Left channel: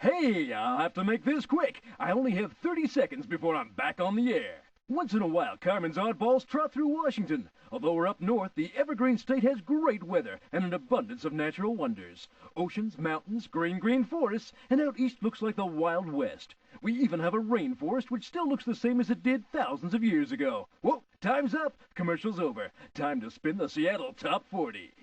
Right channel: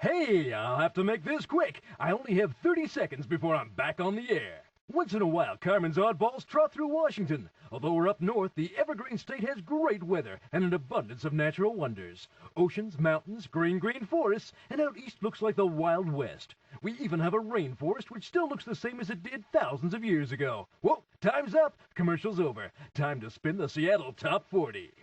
Hey, I'll have to make this quick. I only have 30 seconds before I'm back on the air. Once in a while, Carmen's oddballs trot through Washington. Although we're up north, the Evergreen State has great weather and an abundance of natural wonders. Oceans, mountains, green forests, and out east looks like the Wild West. We even have a rainforest which still looks the same as it did thousands of years ago. Whoa, time's up. Commercial's over. Time to spin the Seattle Top 40.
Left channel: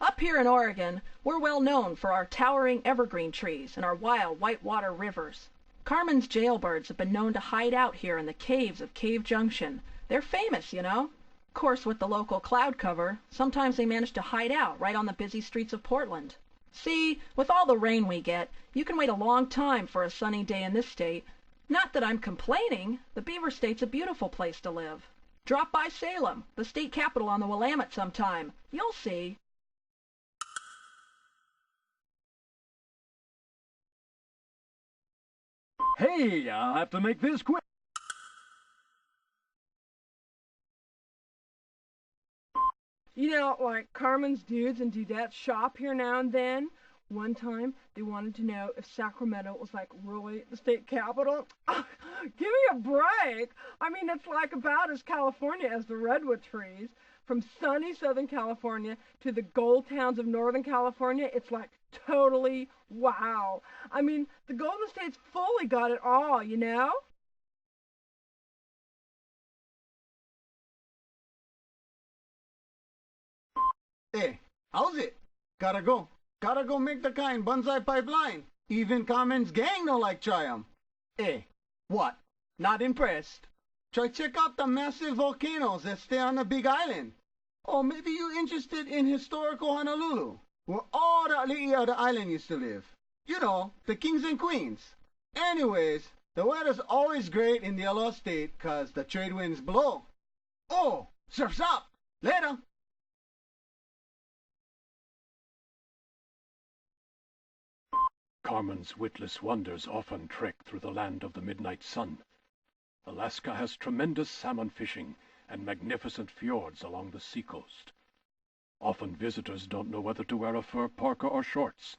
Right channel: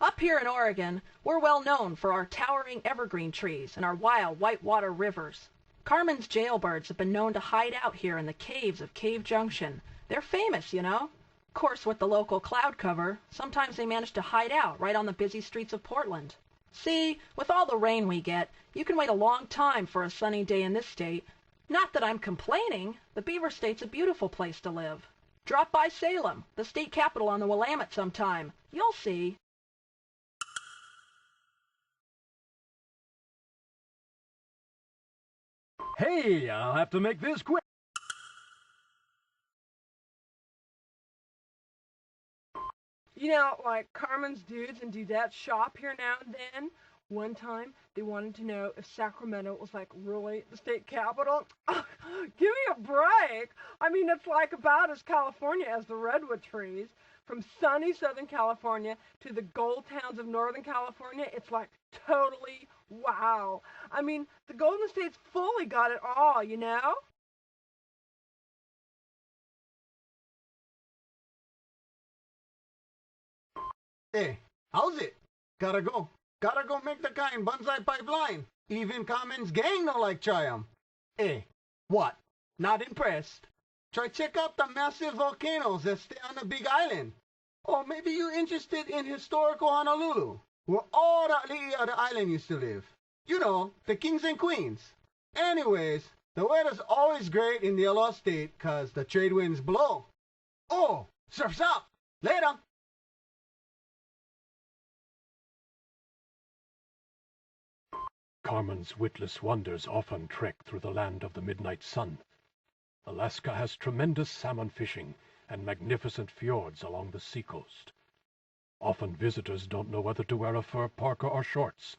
Up here in Oregon, we're well known for our towering evergreen trees and our wild whitewater rivers. Carmen's jailbirds have been known to hide out here in the caves of Cave Junction. They're famous, you know. Of course, with the local cloud cover, sometimes they manage to hide out right on the busy streets of Portland. See, with all the rain we get, you can wait a long time for a sunny day in this state. Not that I'm complaining. The Beaver State's a beautiful place to live. Drop by Salem, the state capital on the Willamette sometime. You'll see. Hey, I'll have to make this quick. You know, like Carmen's dudes and dudettes shop here now and then. One time, they wanted to know if Sacramento was like really the state capital. Give me a break. I mean, it's like about as California as the redwood trees. From sunny Southern California to the gold towns of Northern California, it's like totally wow. I mean, the Golden State's fully got it all, you know? Hey, how's it? Gotta go. Gotta go make the kind bonsai pipeline. Even Carmen's gang don't like try 'em. Hey, what? Not impressed? Try check out the massive volcanoes that stay on the Big Island. Or maybe you interested in historical Honolulu, where all the ali'i of the island used to live. You know, the kings and queens. Anyways, the weather's always great in the Aloha State 'cause the trade winds blow. Oh, surf's up. Later. Carmen's witless wonders often trek through the land of the midnight sun. Alaska has tremendous salmon fishing and magnificent fjords along the seacoast. Often visitors don't know whether to wear a fur parka or shorts,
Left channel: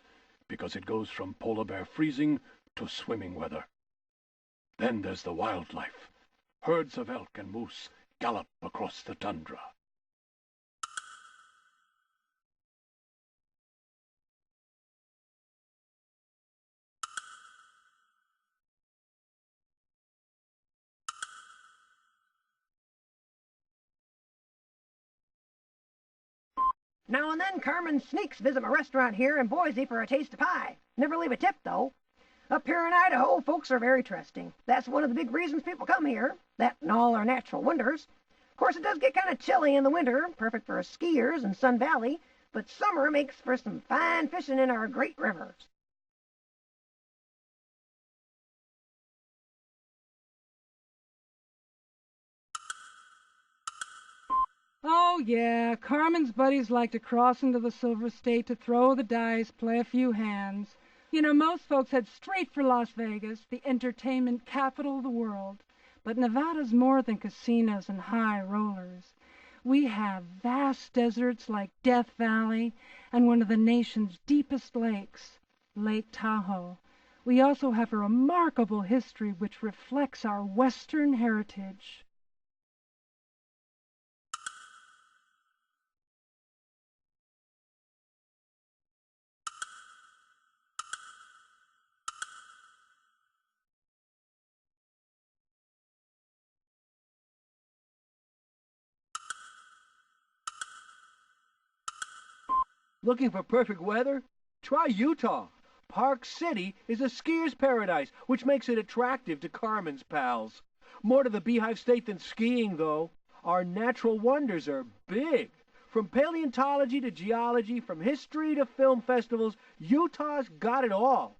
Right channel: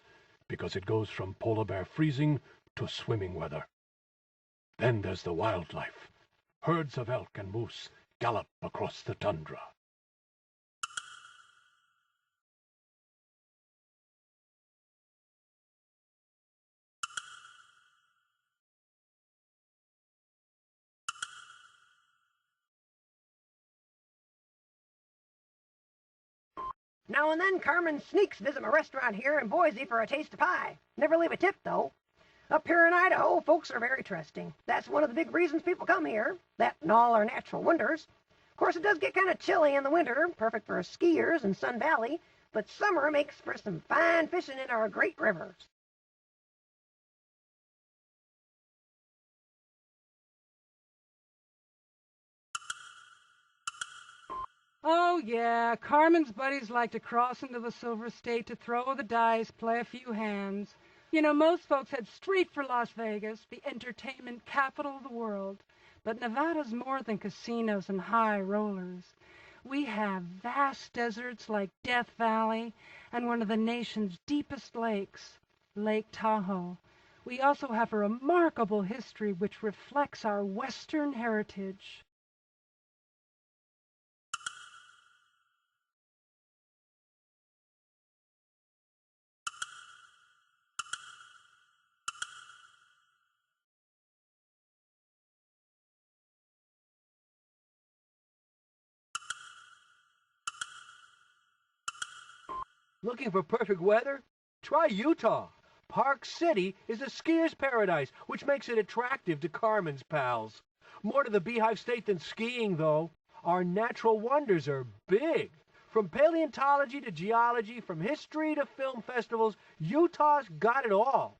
because it goes from polar bear freezing to swimming weather. Then there's the wildlife. Herds of elk and moose gallop across the tundra. Now and then Carmen sneaks visit my restaurant here in Boise for a taste of pie. Never leave a tip, though. Up here in Idaho, folks are very trusting. That's one of the big reasons people come here, that and all our natural wonders. Of course, it does get kind of chilly in the winter, perfect for skiers in Sun Valley, but summer makes for some fine fishing in our great rivers. Oh, yeah, Carmen's buddies like to cross into the Silver State to throw the dice, play a few hands. You know, most folks head straight for Las Vegas, the entertainment capital of the world. But Nevada's more than casinos and high rollers. We have vast deserts like Death Valley and one of the nation's deepest lakes, Lake Tahoe. We also have a remarkable history which reflects our Western heritage. Looking for perfect weather? Try Utah. Park City is a skier's paradise, which makes it attractive to Carmen's pals. More to the Beehive State than skiing, though. Our natural wonders are big. From paleontology to geology, from history to film festivals, Utah's got it all.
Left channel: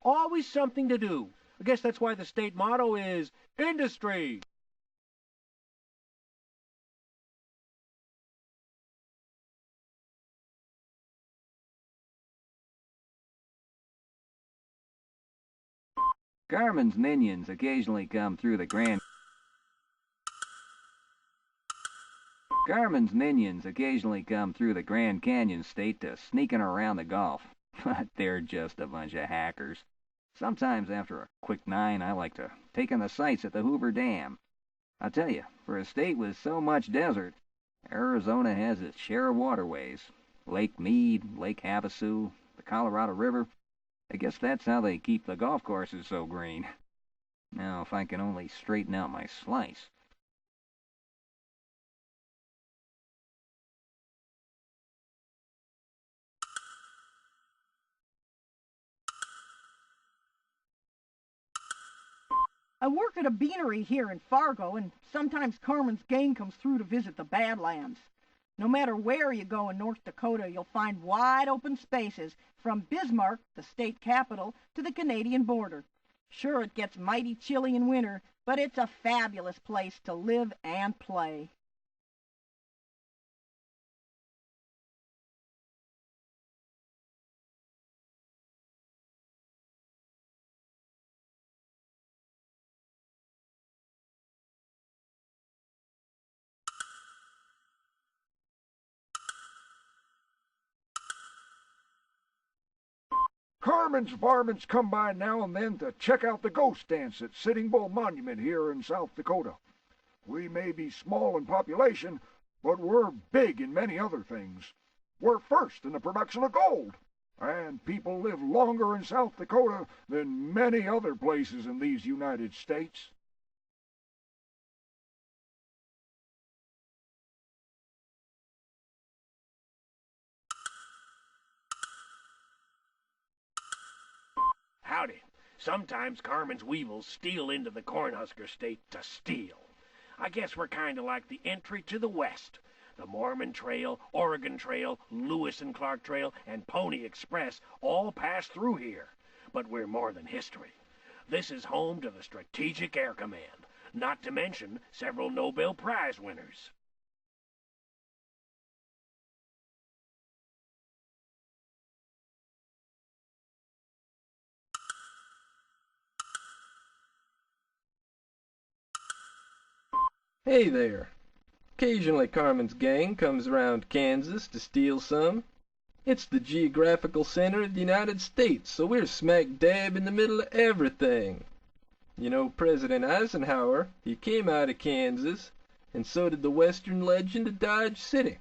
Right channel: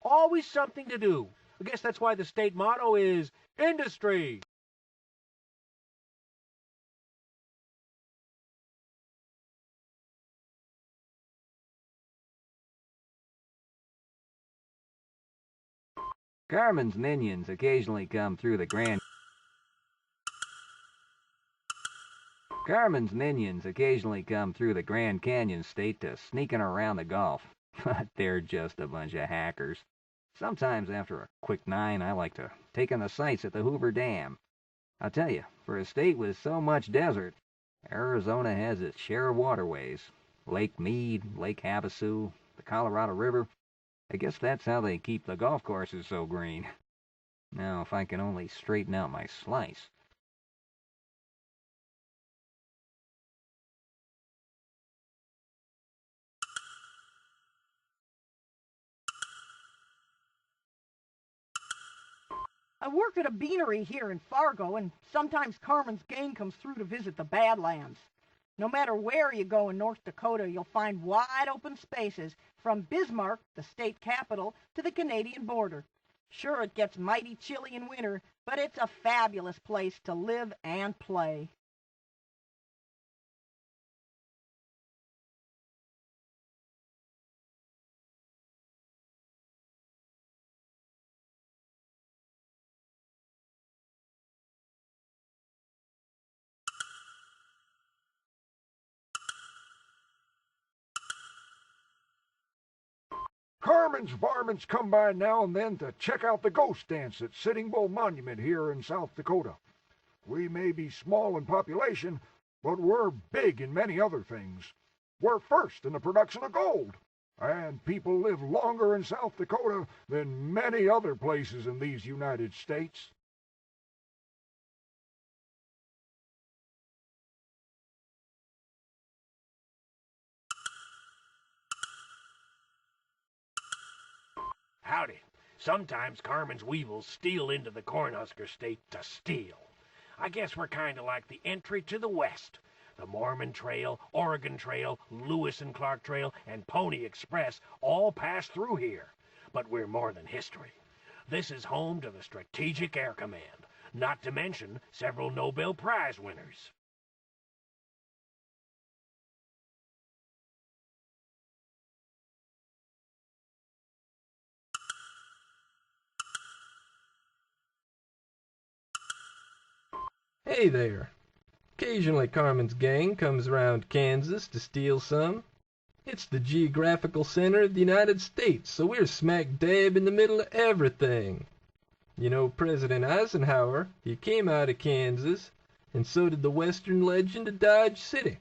Always something to do. I guess that's why the state motto is industry. Carmen's minions occasionally come through the Grand Canyon State to sneaking around the Gulf, but they're just a bunch of hackers. Sometimes after a quick 9, I like to take in the sights at the Hoover Dam. I'll tell you, for a state with so much desert, Arizona has its share of waterways. Lake Mead, Lake Havasu, the Colorado River. I guess that's how they keep the golf courses so green. Now, if I can only straighten out my slice. I work at a beanery here in Fargo, and sometimes Carmen's gang comes through to visit the Badlands. No matter where you go in North Dakota, you'll find wide open spaces, from Bismarck, the state capital, to the Canadian border. Sure, it gets mighty chilly in winter, but it's a fabulous place to live and play. Carmen's varmints come by now and then to check out the ghost dance at Sitting Bull Monument here in South Dakota. We may be small in population, but we're big in many other things. We're first in the production of gold, and people live longer in South Dakota than many other places in these United States. Howdy. Sometimes Carmen's weevils steal into the Cornhusker State to steal. I guess we're kind of like the entry to the West. The Mormon Trail, Oregon Trail, Lewis and Clark Trail, and Pony Express all pass through here. But we're more than history. This is home to the Strategic Air Command, not to mention several Nobel Prize winners. Hey there. Occasionally Carmen's gang comes around Kansas to steal some. It's the geographical center of the United States, so we're smack dab in the middle of everything. You know President Eisenhower, he came out of Kansas, and so did the Western legend of Dodge City.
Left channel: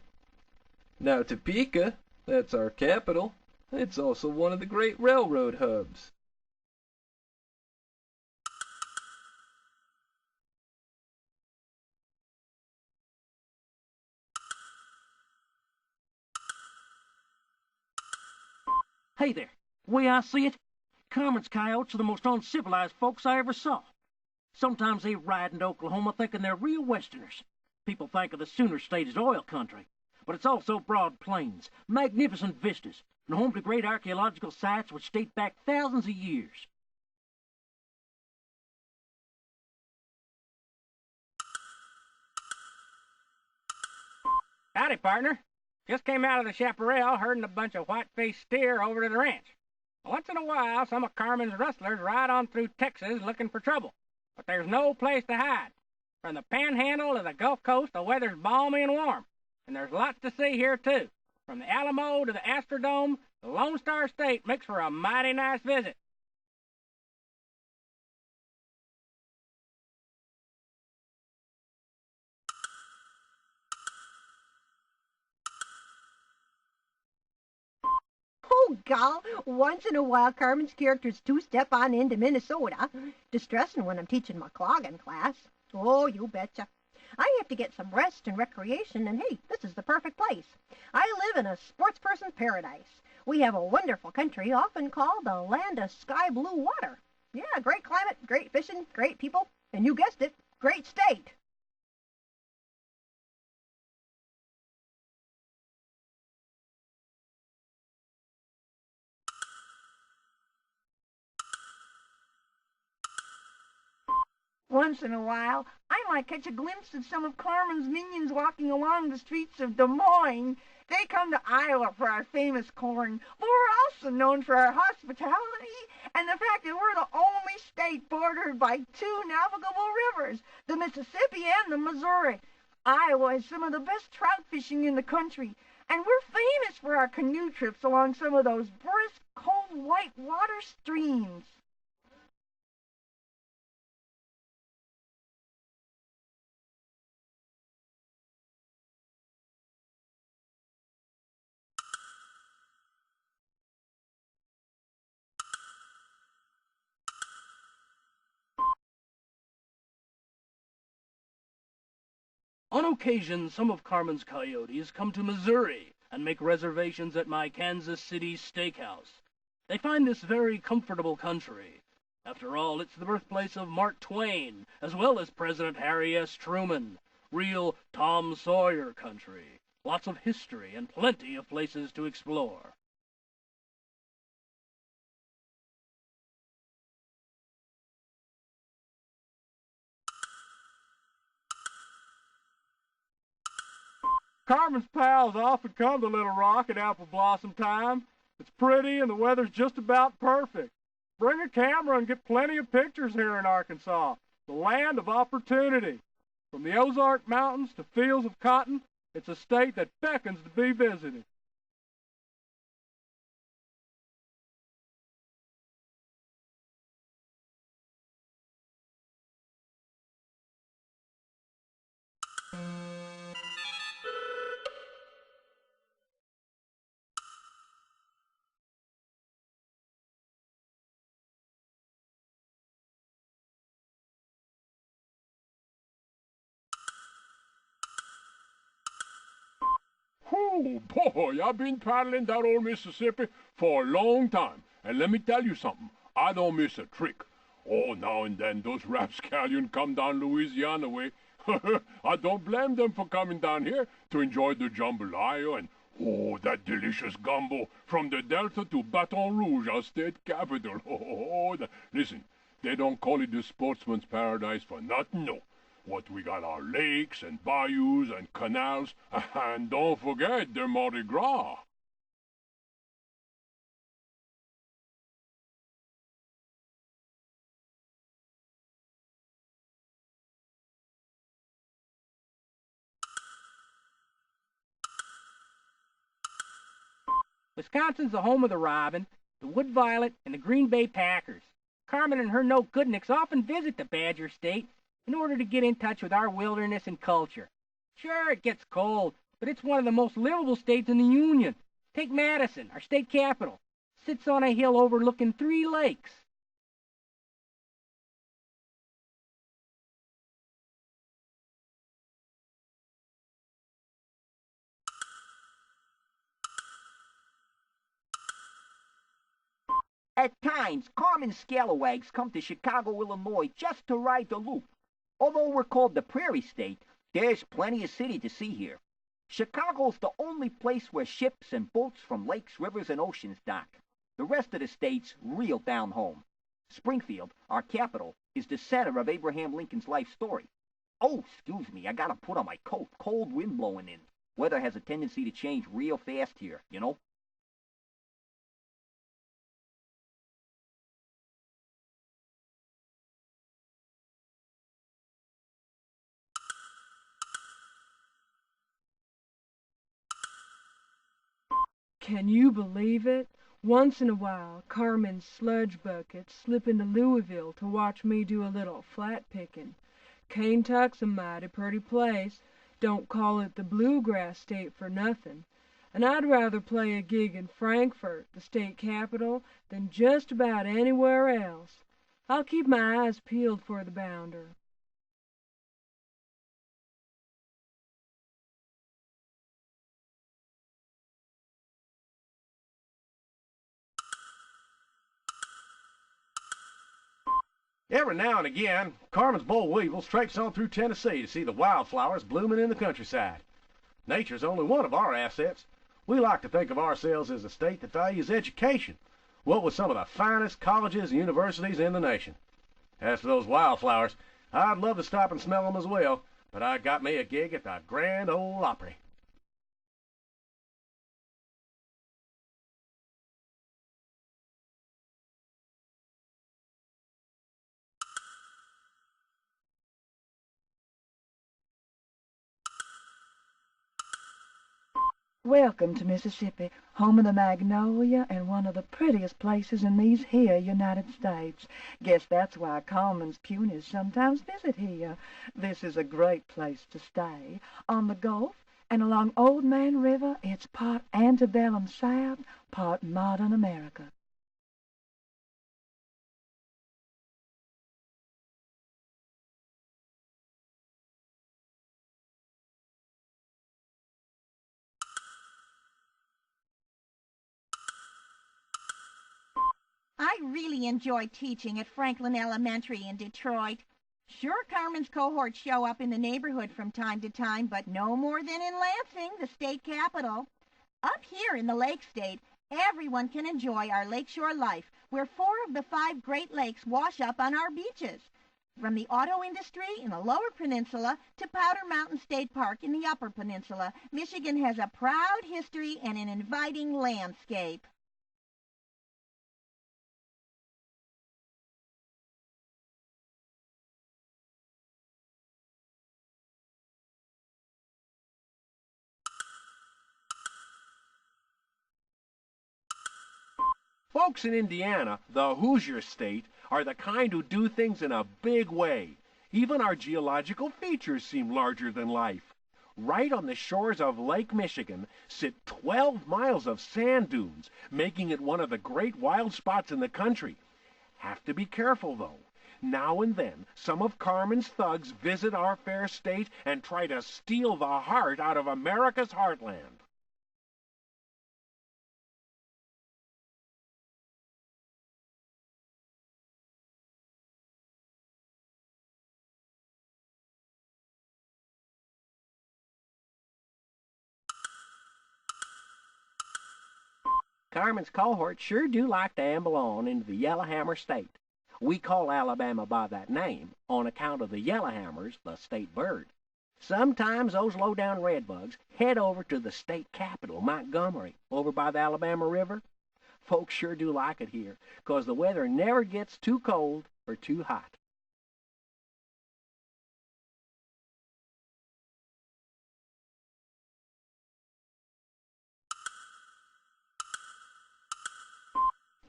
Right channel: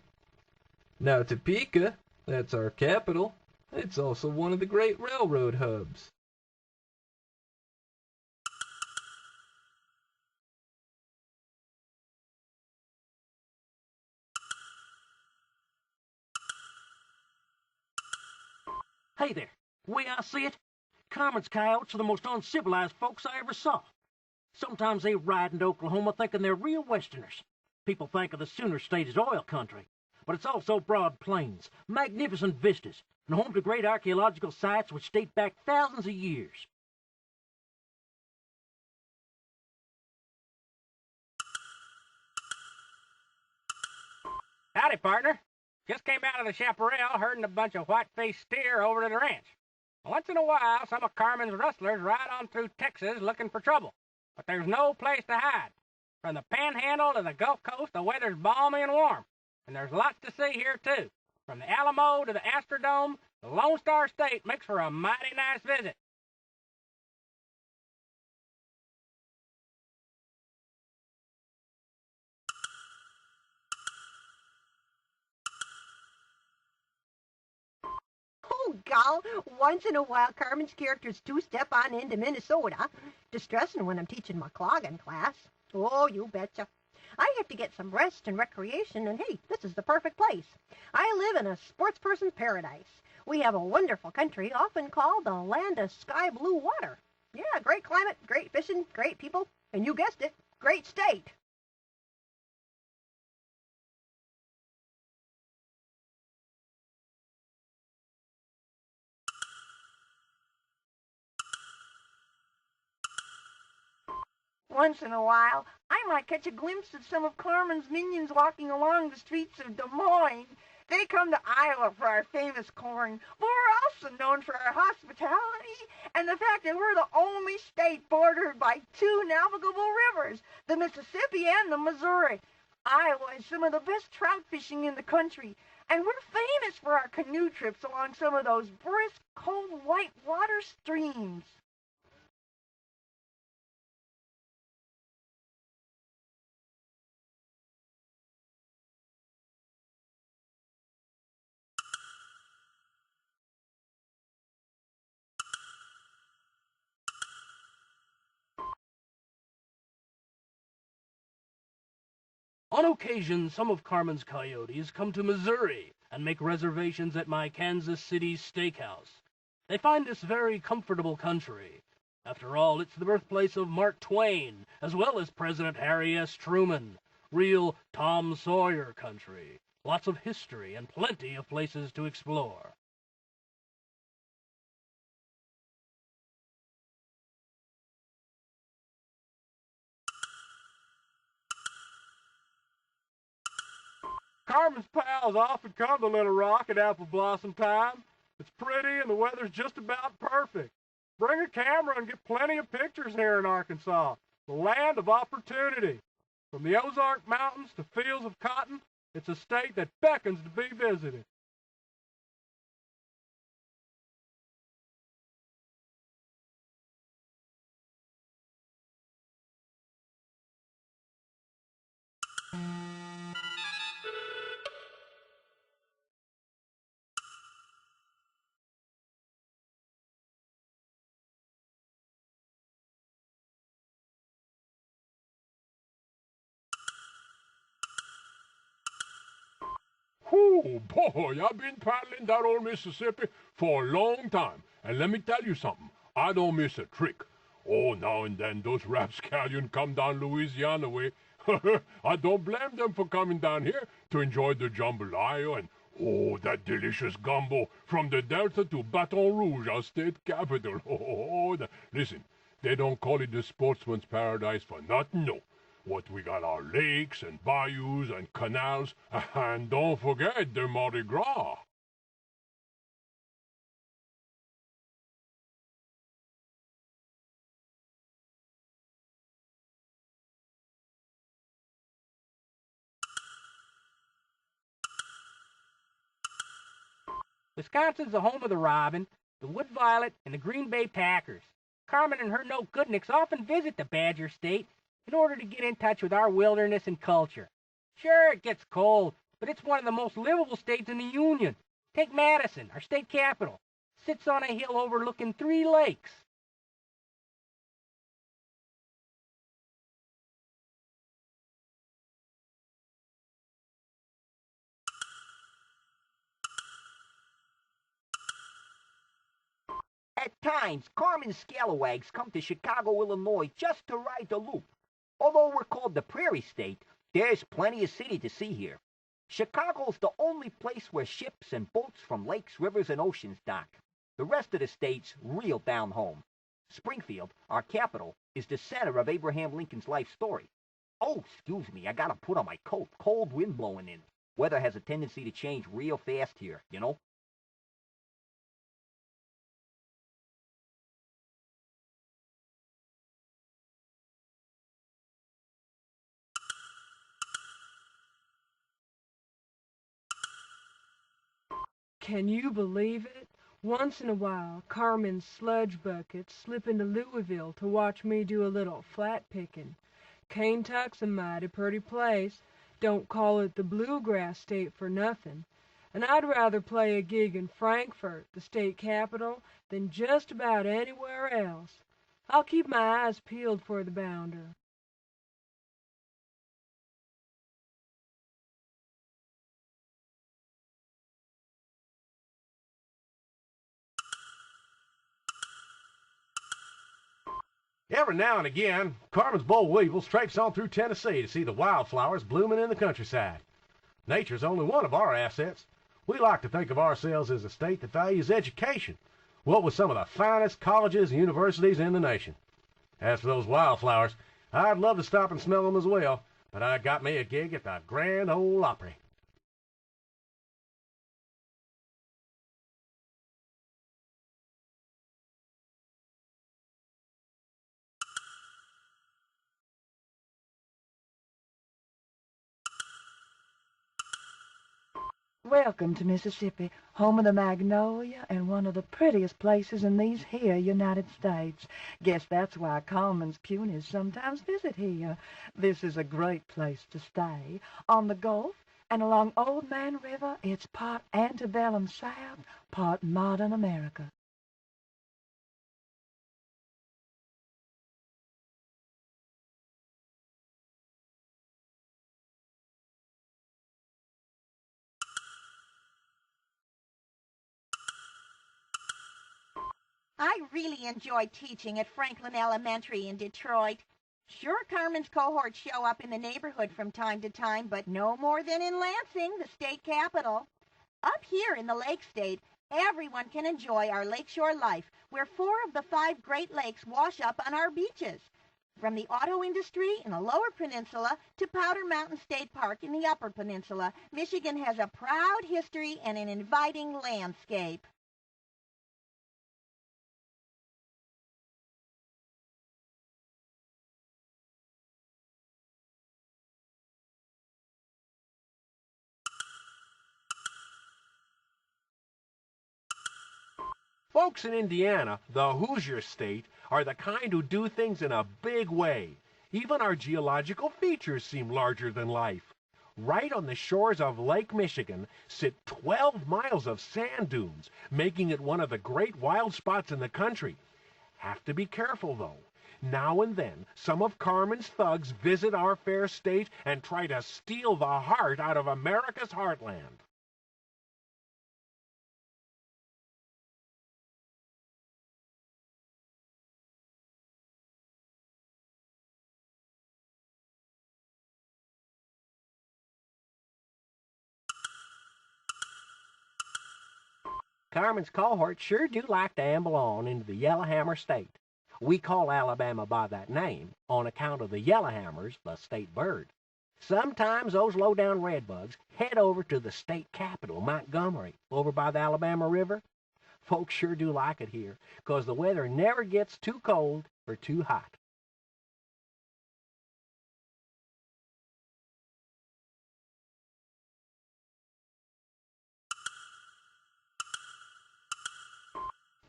Now Topeka, that's our capital, it's also one of the great railroad hubs. Hey there. Way I see it, Carmen's coyotes are the most uncivilized folks I ever saw. Sometimes they ride into Oklahoma thinking they're real Westerners. People think of the Sooner State as oil country, but it's also broad plains, magnificent vistas, and home to great archaeological sites which date back thousands of years. Howdy, partner. Just came out of the chaparral herding a bunch of white-faced steer over to the ranch. Once in a while, some of Carmen's rustlers ride on through Texas looking for trouble, but there's no place to hide. From the Panhandle to the Gulf Coast, the weather's balmy and warm, and there's lots to see here, too. From the Alamo to the Astrodome, the Lone Star State makes for a mighty nice visit. Oh, gal, once in a while Carmen's characters two-step on into Minnesota. Distressing when I'm teaching my clogging class. Oh, you betcha. I have to get some rest and recreation, and hey, this is the perfect place. I live in a sportsperson's paradise. We have a wonderful country, often called the land of sky blue water. Yeah, great climate, great fishing, great people, and you guessed it, great state. Once in a while, I might catch a glimpse of some of Carmen's minions walking along the streets of Des Moines. They come to Iowa for our famous corn, but we're also known for our hospitality and the fact that we're the only state bordered by two navigable rivers, the Mississippi and the Missouri. Iowa has some of the best trout fishing in the country, and we're famous for our canoe trips along some of those brisk, cold, white water streams. On occasion, some of Carmen's coyotes come to Missouri and make reservations at my Kansas City steakhouse. They find this very comfortable country. After all, it's the birthplace of Mark Twain, as well as President Harry S. Truman. Real Tom Sawyer country. Lots of history and plenty of places to explore. Carmen's pals often come to Little Rock at apple blossom time. It's pretty and the weather's just about perfect. Bring a camera and get plenty of pictures here in Arkansas, the land of opportunity. From the Ozark Mountains to fields of cotton, it's a state that beckons to be visited. Oh, boy, I've been paddling that old Mississippi for a long time. And let me tell you something, I don't miss a trick. Oh, now and then those rapscallions come down Louisiana way. I don't blame them for coming down here to enjoy the jambalaya and, oh, that delicious gumbo from the Delta to Baton Rouge, our state capital. Oh, listen, they don't call it the sportsman's paradise for nothing, no. What we got our lakes and bayous and canals, and don't forget the Mardi Gras. Wisconsin's the home of the robin, the wood violet, and the Green Bay Packers. Carmen and her no-goodniks often visit the Badger State in order to get in touch with our wilderness and culture. Sure, it gets cold, but it's one of the most livable states in the Union. Take Madison, our state capital. Sits on a hill overlooking 3 lakes. At times, Carmen scalawags come to Chicago, Illinois just to ride the loop. Although we're called the Prairie State, there's plenty of city to see here. Chicago's the only place where ships and boats from lakes, rivers, and oceans dock. The rest of the state's real down home. Springfield, our capital, is the center of Abraham Lincoln's life story. Oh, excuse me, I gotta put on my coat. Cold wind blowing in. Weather has a tendency to change real fast here, you know? Can you believe it? Once in a while, Carmen's sludge buckets slip into Louisville to watch me do a little flat picking. Kaintuck's a mighty pretty place. Don't call it the bluegrass state for nothing. And I'd rather play a gig in Frankfort, the state capital, than just about anywhere else. I'll keep my eyes peeled for the bounder. Every now and again, Carmen's boll weevils traipse on through Tennessee to see the wildflowers blooming in the countryside. Nature's only one of our assets. We like to think of ourselves as a state that values education, what with some of the finest colleges and universities in the nation. As for those wildflowers, I'd love to stop and smell them as well, but I got me a gig at the Grand Ole Opry. Welcome to Mississippi, home of the magnolia and one of the prettiest places in these here United States. Guess that's why Commons punies sometimes visit here. This is a great place to stay. On the Gulf and along Old Man River, it's part antebellum South, part modern America. I really enjoy teaching at Franklin Elementary in Detroit. Sure, Carmen's cohorts show up in the neighborhood from time to time, but no more than in Lansing, the state capital. Up here in the Lake State, everyone can enjoy our lakeshore life, where 4 of the 5 Great Lakes wash up on our beaches. From the auto industry in the Lower Peninsula to Powder Mountain State Park in the Upper Peninsula, Michigan has a proud history and an inviting landscape. Folks in Indiana, the Hoosier State, are the kind who do things in a big way. Even our geological features seem larger than life. Right on the shores of Lake Michigan sit 12 miles of sand dunes, making it one of the great wild spots in the country. Have to be careful, though. Now and then, some of Carmen's thugs visit our fair state and try to steal the heart out of America's heartland. Carmen's cohorts sure do like to amble on into the Yellowhammer State. We call Alabama by that name on account of the yellowhammers, the state bird. Sometimes those low-down redbugs head over to the state capital, Montgomery, over by the Alabama River. Folks sure do like it here, 'cause the weather never gets too cold or too hot.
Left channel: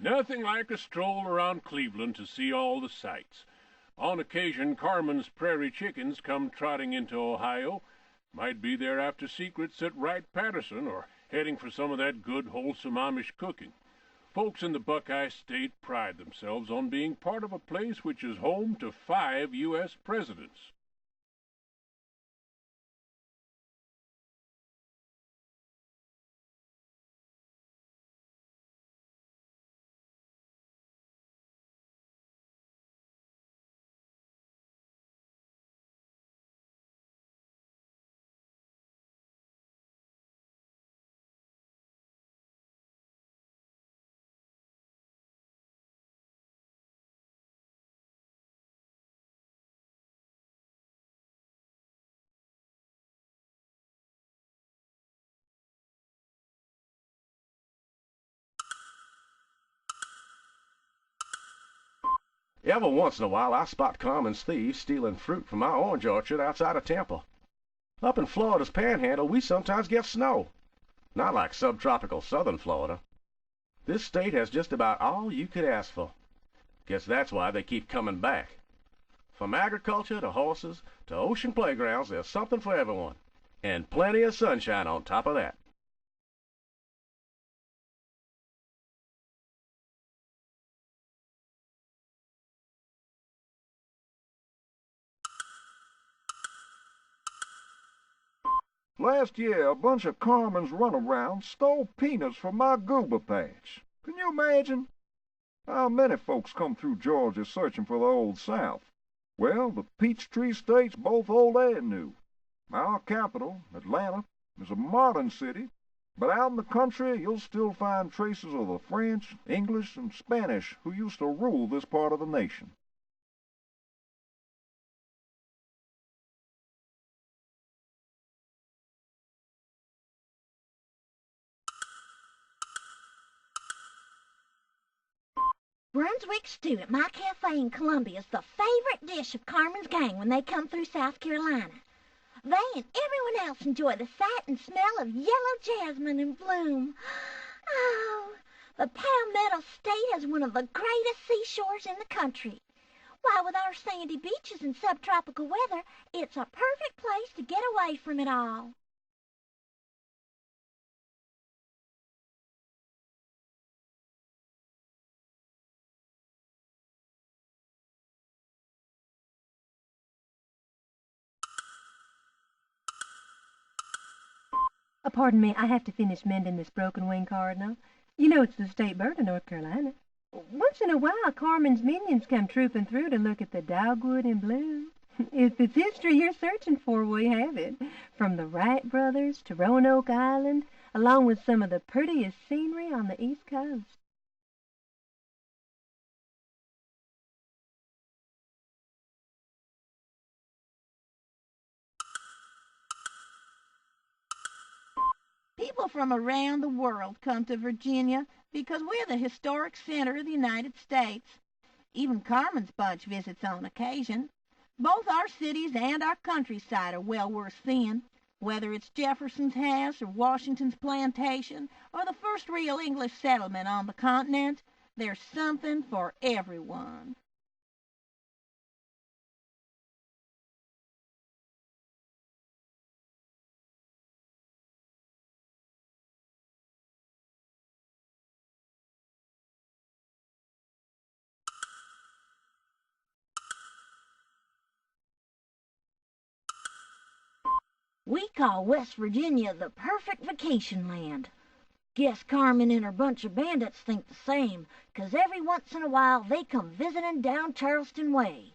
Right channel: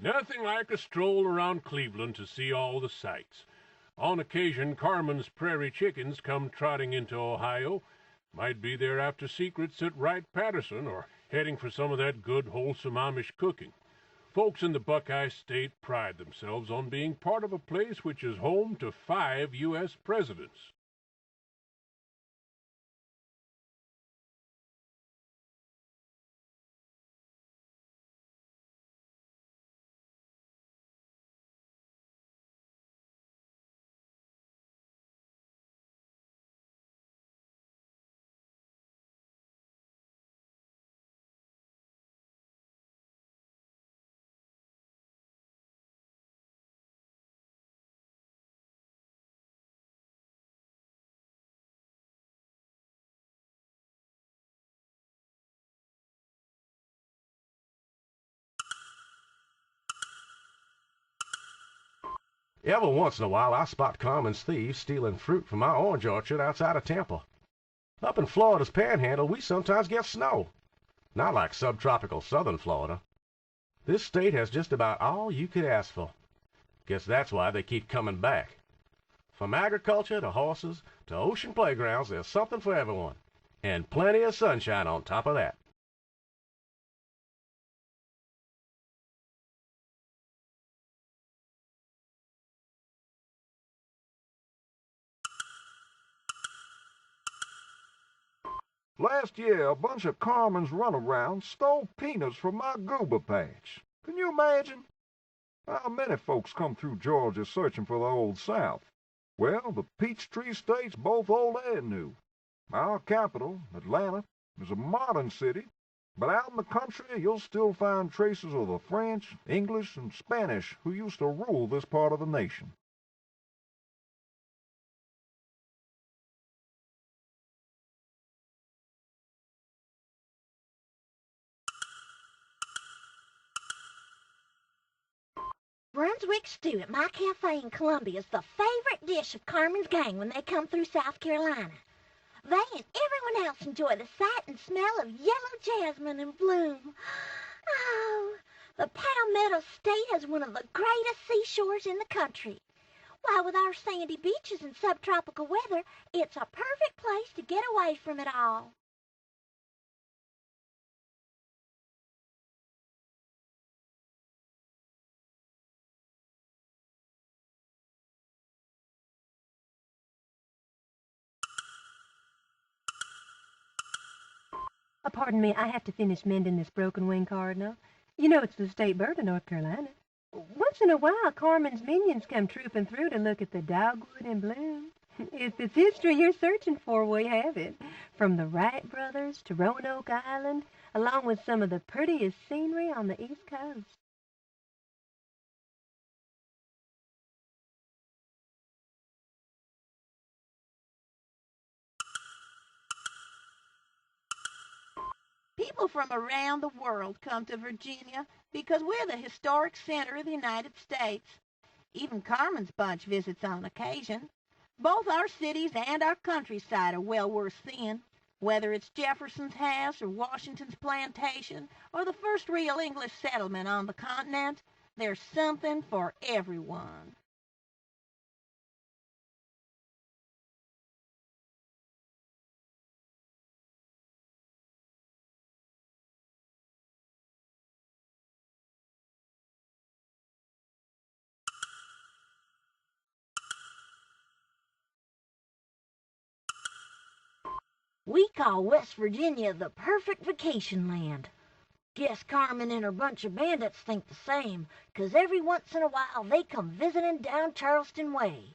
Nothing like a stroll around Cleveland to see all the sights. On occasion, Carmen's prairie chickens come trotting into Ohio. Might be there after secrets at Wright-Patterson or heading for some of that good, wholesome Amish cooking. Folks in the Buckeye State pride themselves on being part of a place which is home to 5 U.S. presidents. Every once in a while, I spot Carmen's thieves stealing fruit from our orange orchard outside of Temple. Up in Florida's panhandle, we sometimes get snow. Not like subtropical southern Florida. This state has just about all you could ask for. Guess that's why they keep coming back. From agriculture to horses to ocean playgrounds, there's something for everyone. And plenty of sunshine on top of that. Last year, a bunch of Carmen's runarounds stole peanuts from my goober patch. Can you imagine? How many folks come through Georgia searching for the Old South? Well, the Peachtree State's both old and new. Our capital, Atlanta, is a modern city, but out in the country you'll still find traces of the French, English, and Spanish who used to rule this part of the nation. Brunswick stew at my cafe in Columbia is the favorite dish of Carmen's gang when they come through South Carolina. They and everyone else enjoy the sight and smell of yellow jasmine in bloom. Oh, the Palmetto State has one of the greatest seashores in the country. Why, with our sandy beaches and subtropical weather, it's a perfect place to get away from it all. Pardon me, I have to finish mending this broken wing cardinal. You know it's the state bird of North Carolina. Once in a while, Carmen's minions come trooping through to look at the dogwood in bloom. If it's history you're searching for, we have it. From the Wright brothers to Roanoke Island, along with some of the prettiest scenery on the East Coast. People from around the world come to Virginia because we're the historic center of the United States. Even Carmen's bunch visits on occasion. Both our cities and our countryside are well worth seeing, whether it's Jefferson's house or Washington's plantation or the first real English settlement on the continent. There's something for everyone. We call West Virginia the perfect vacation land. Guess Carmen and her bunch of bandits think the same, 'cause every once in a while they come visiting down Charleston way.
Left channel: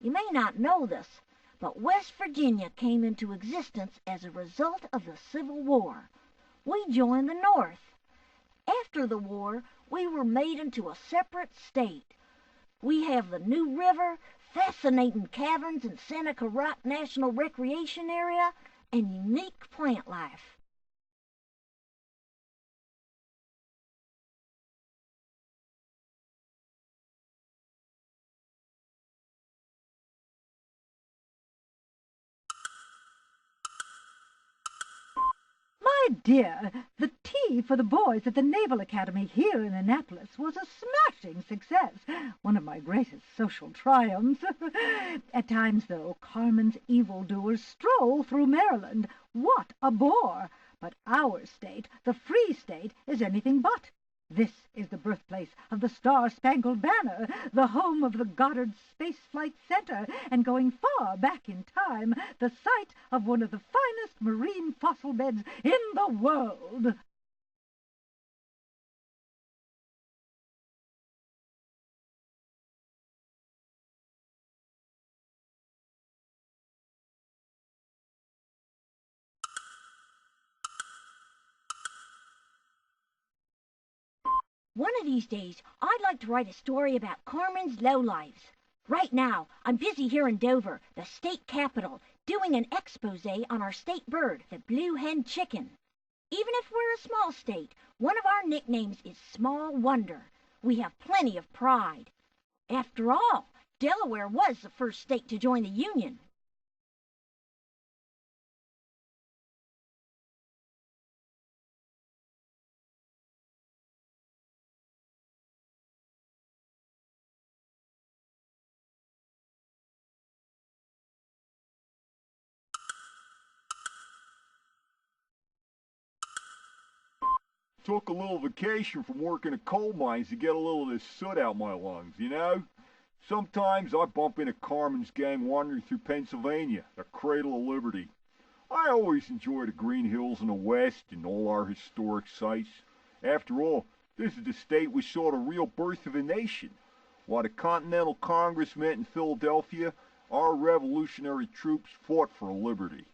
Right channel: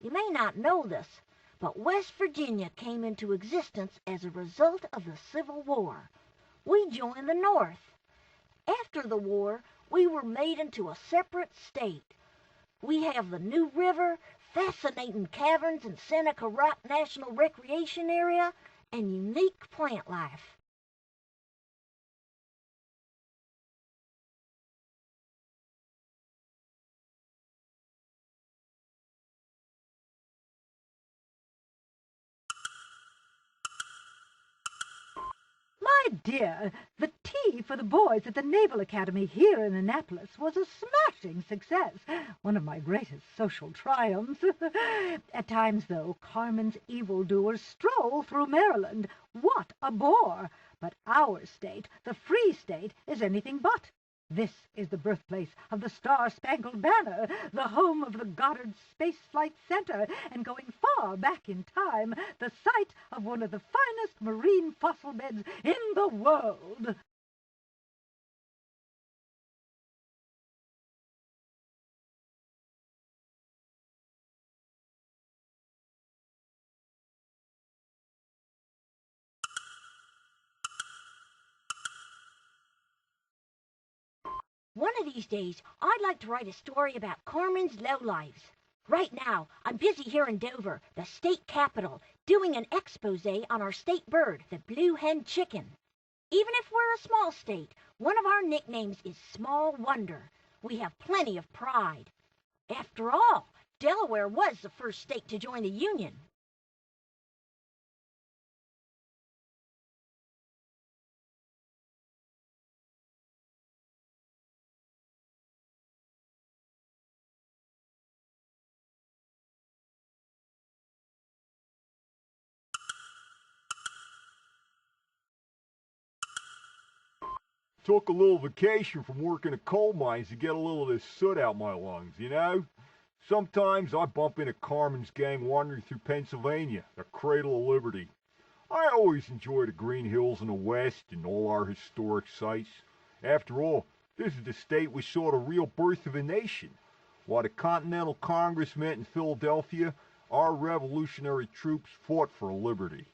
You may not know this, but West Virginia came into existence as a result of the Civil War. We joined the North. After the war, we were made into a separate state. We have the New River, fascinating caverns in Seneca Rock National Recreation Area, and unique plant life. My dear, the tea for the boys at the Naval Academy here in Annapolis was a smashing success, one of my greatest social triumphs. At times, though, Carmen's evildoers stroll through Maryland. What a bore! But our state, the Free State, is anything but. This is the birthplace of the Star-Spangled Banner, the home of the Goddard Space Flight Center, and going far back in time, the site of one of the finest marine fossil beds in the world. One of these days, I'd like to write a story about Carmen's lowlives. Right now, I'm busy here in Dover, the state capital, doing an expose on our state bird, the blue hen chicken. Even if we're a small state, one of our nicknames is Small Wonder. We have plenty of pride. After all, Delaware was the first state to join the Union. Took a little vacation from working at coal mines to get a little of this soot out my lungs, you know? Sometimes I bump into Carmen's gang wandering through Pennsylvania, the cradle of liberty. I always enjoy the green hills in the west and all our historic sites. After all, this is the state which saw the real birth of a nation. While the Continental Congress met in Philadelphia, our revolutionary troops fought for liberty.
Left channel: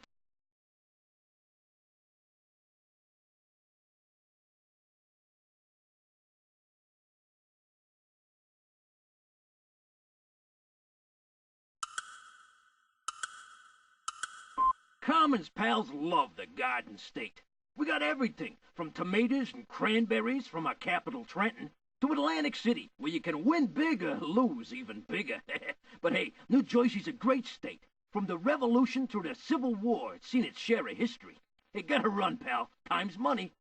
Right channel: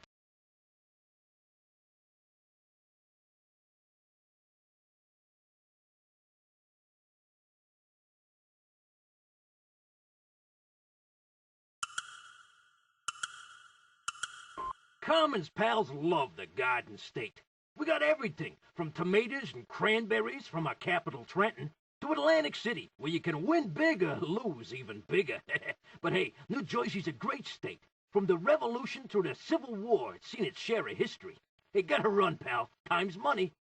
Carmen's pals love the Garden State. We got everything, from tomatoes and cranberries from our capital, Trenton, to Atlantic City, where you can win big or lose even bigger. But hey, New Jersey's a great state, From the Revolution through the Civil War, it's seen its share of history. Hey, gotta run, pal. Time's money.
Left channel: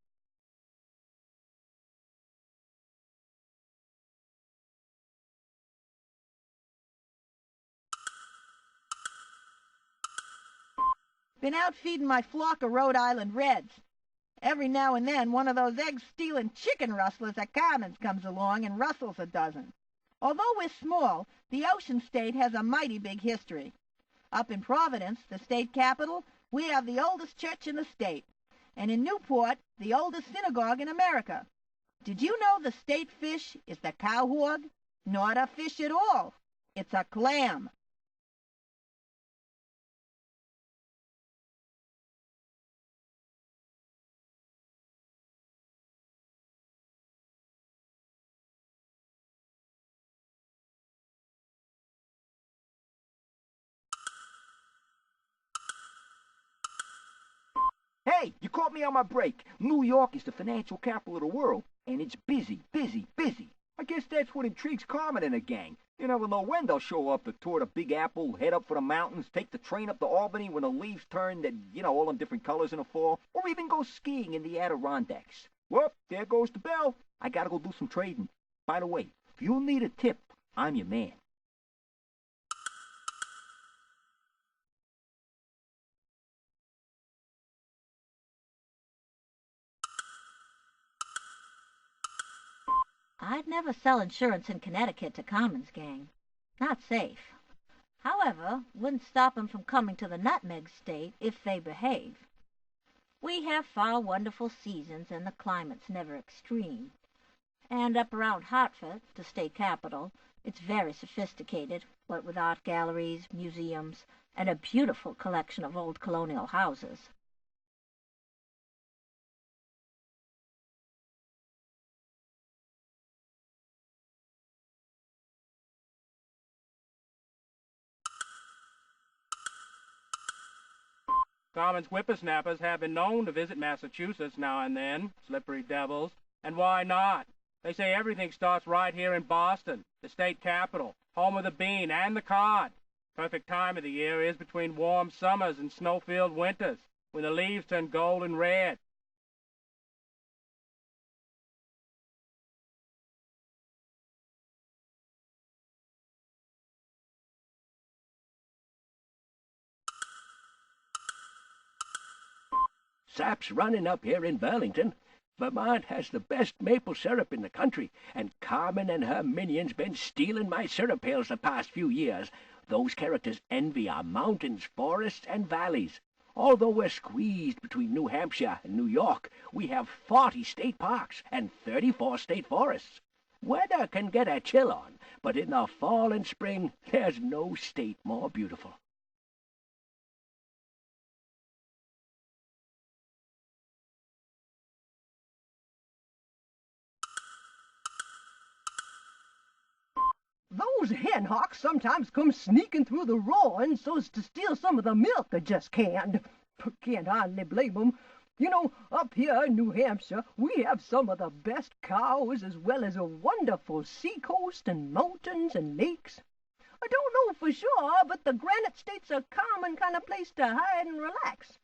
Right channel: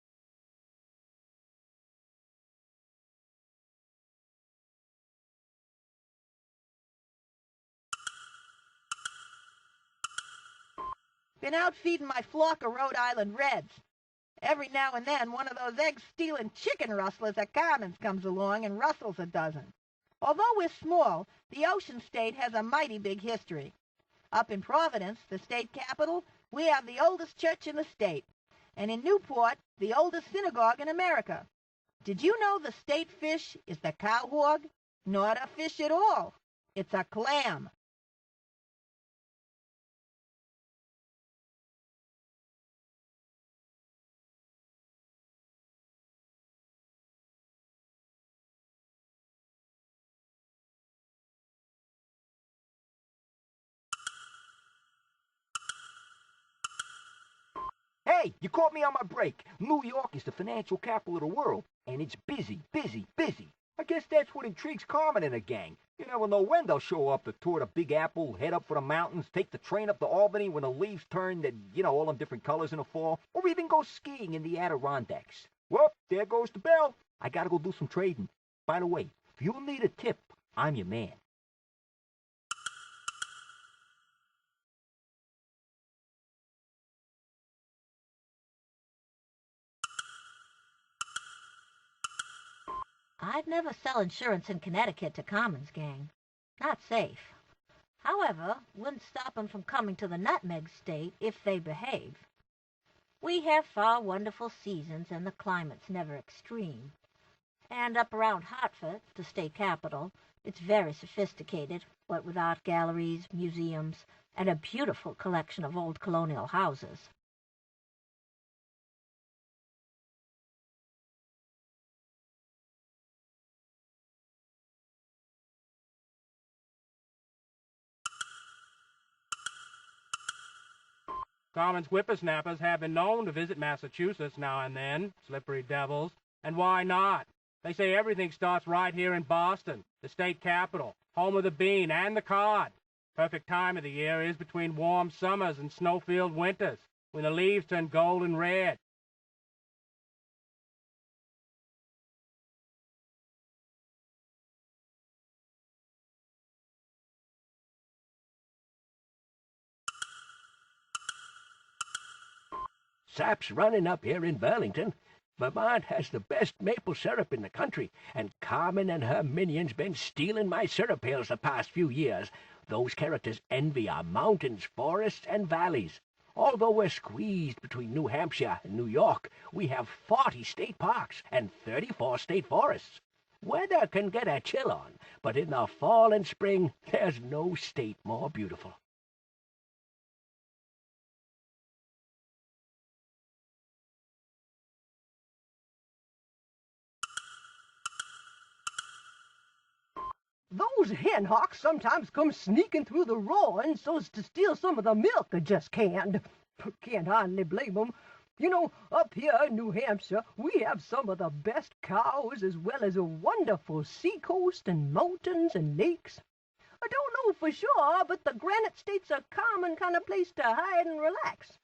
Been out feeding my flock of Rhode Island Reds. Every now and then, one of those egg-stealing chicken rustlers at Carmen's comes along and rustles a dozen. Although we're small, the Ocean State has a mighty big history. Up in Providence, the state capital, we have the oldest church in the state. And in Newport, the oldest synagogue in America. Did you know the state fish is the cowhog? Not a fish at all. It's a clam. Hey, you caught me on my break. New York is the financial capital of the world, and it's busy, busy, busy. I guess that's what intrigues Carmen and her gang. You never know when they'll show up to tour the Big Apple, head up for the mountains, take the train up to Albany when the leaves turn, all them different colors in the fall, or even go skiing in the Adirondacks. Well, there goes the bell. I gotta go do some trading. By the way, if you need a tip, I'm your man. I'd never sell insurance in Connecticut to Carmen's gang. Not safe. However, wouldn't stop 'em from coming to the Nutmeg State if they behave. We have far wonderful seasons and the climate's never extreme. And up around Hartford, the state capital, it's very sophisticated, what with art galleries, museums, and a beautiful collection of old colonial houses. Carmen's whippersnappers have been known to visit Massachusetts now and then, slippery devils. And why not? They say everything starts right here in Boston, the state capital, home of the bean and the cod. Perfect time of the year is between warm summers and snow-filled winters, when the leaves turn gold and red. Sap's running up here in Burlington. Vermont has the best maple syrup in the country, and Carmen and her minions been stealing my syrup pails the past few years. Those characters envy our mountains, forests, and valleys. Although we're squeezed between New Hampshire and New York, we have 40 state parks and 34 state forests. Weather can get a chill on, but in the fall and spring, there's no state more beautiful. Those hen hawks sometimes come sneaking through the roaring so's to steal some of the milk I just canned. Can't hardly blame 'em. You know, up here in New Hampshire, we have some of the best cows as well as a wonderful seacoast and mountains and lakes. I don't know for sure, but the Granite State's a common kind of place to hide and relax.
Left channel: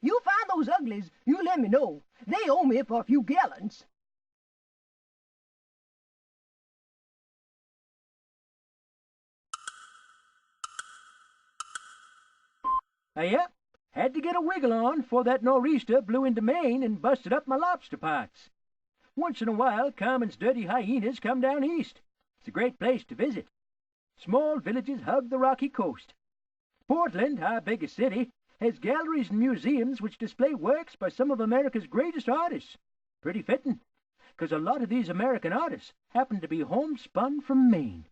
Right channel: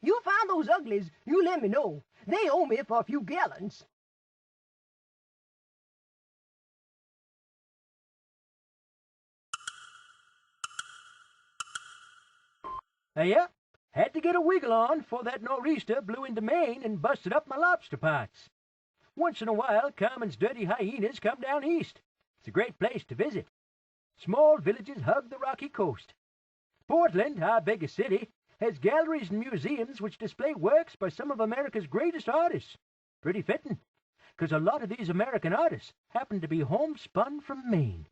You find those uglies, you let me know. They owe me for a few gallons. Yep, had to get a wiggle on before that nor'easter blew into Maine and busted up my lobster pots. Once in a while, Carmen's dirty hyenas come down east. It's a great place to visit. Small villages hug the rocky coast. Portland, our biggest city, has galleries and museums which display works by some of America's greatest artists. Pretty fitting, 'cause a lot of these American artists happen to be homespun from Maine.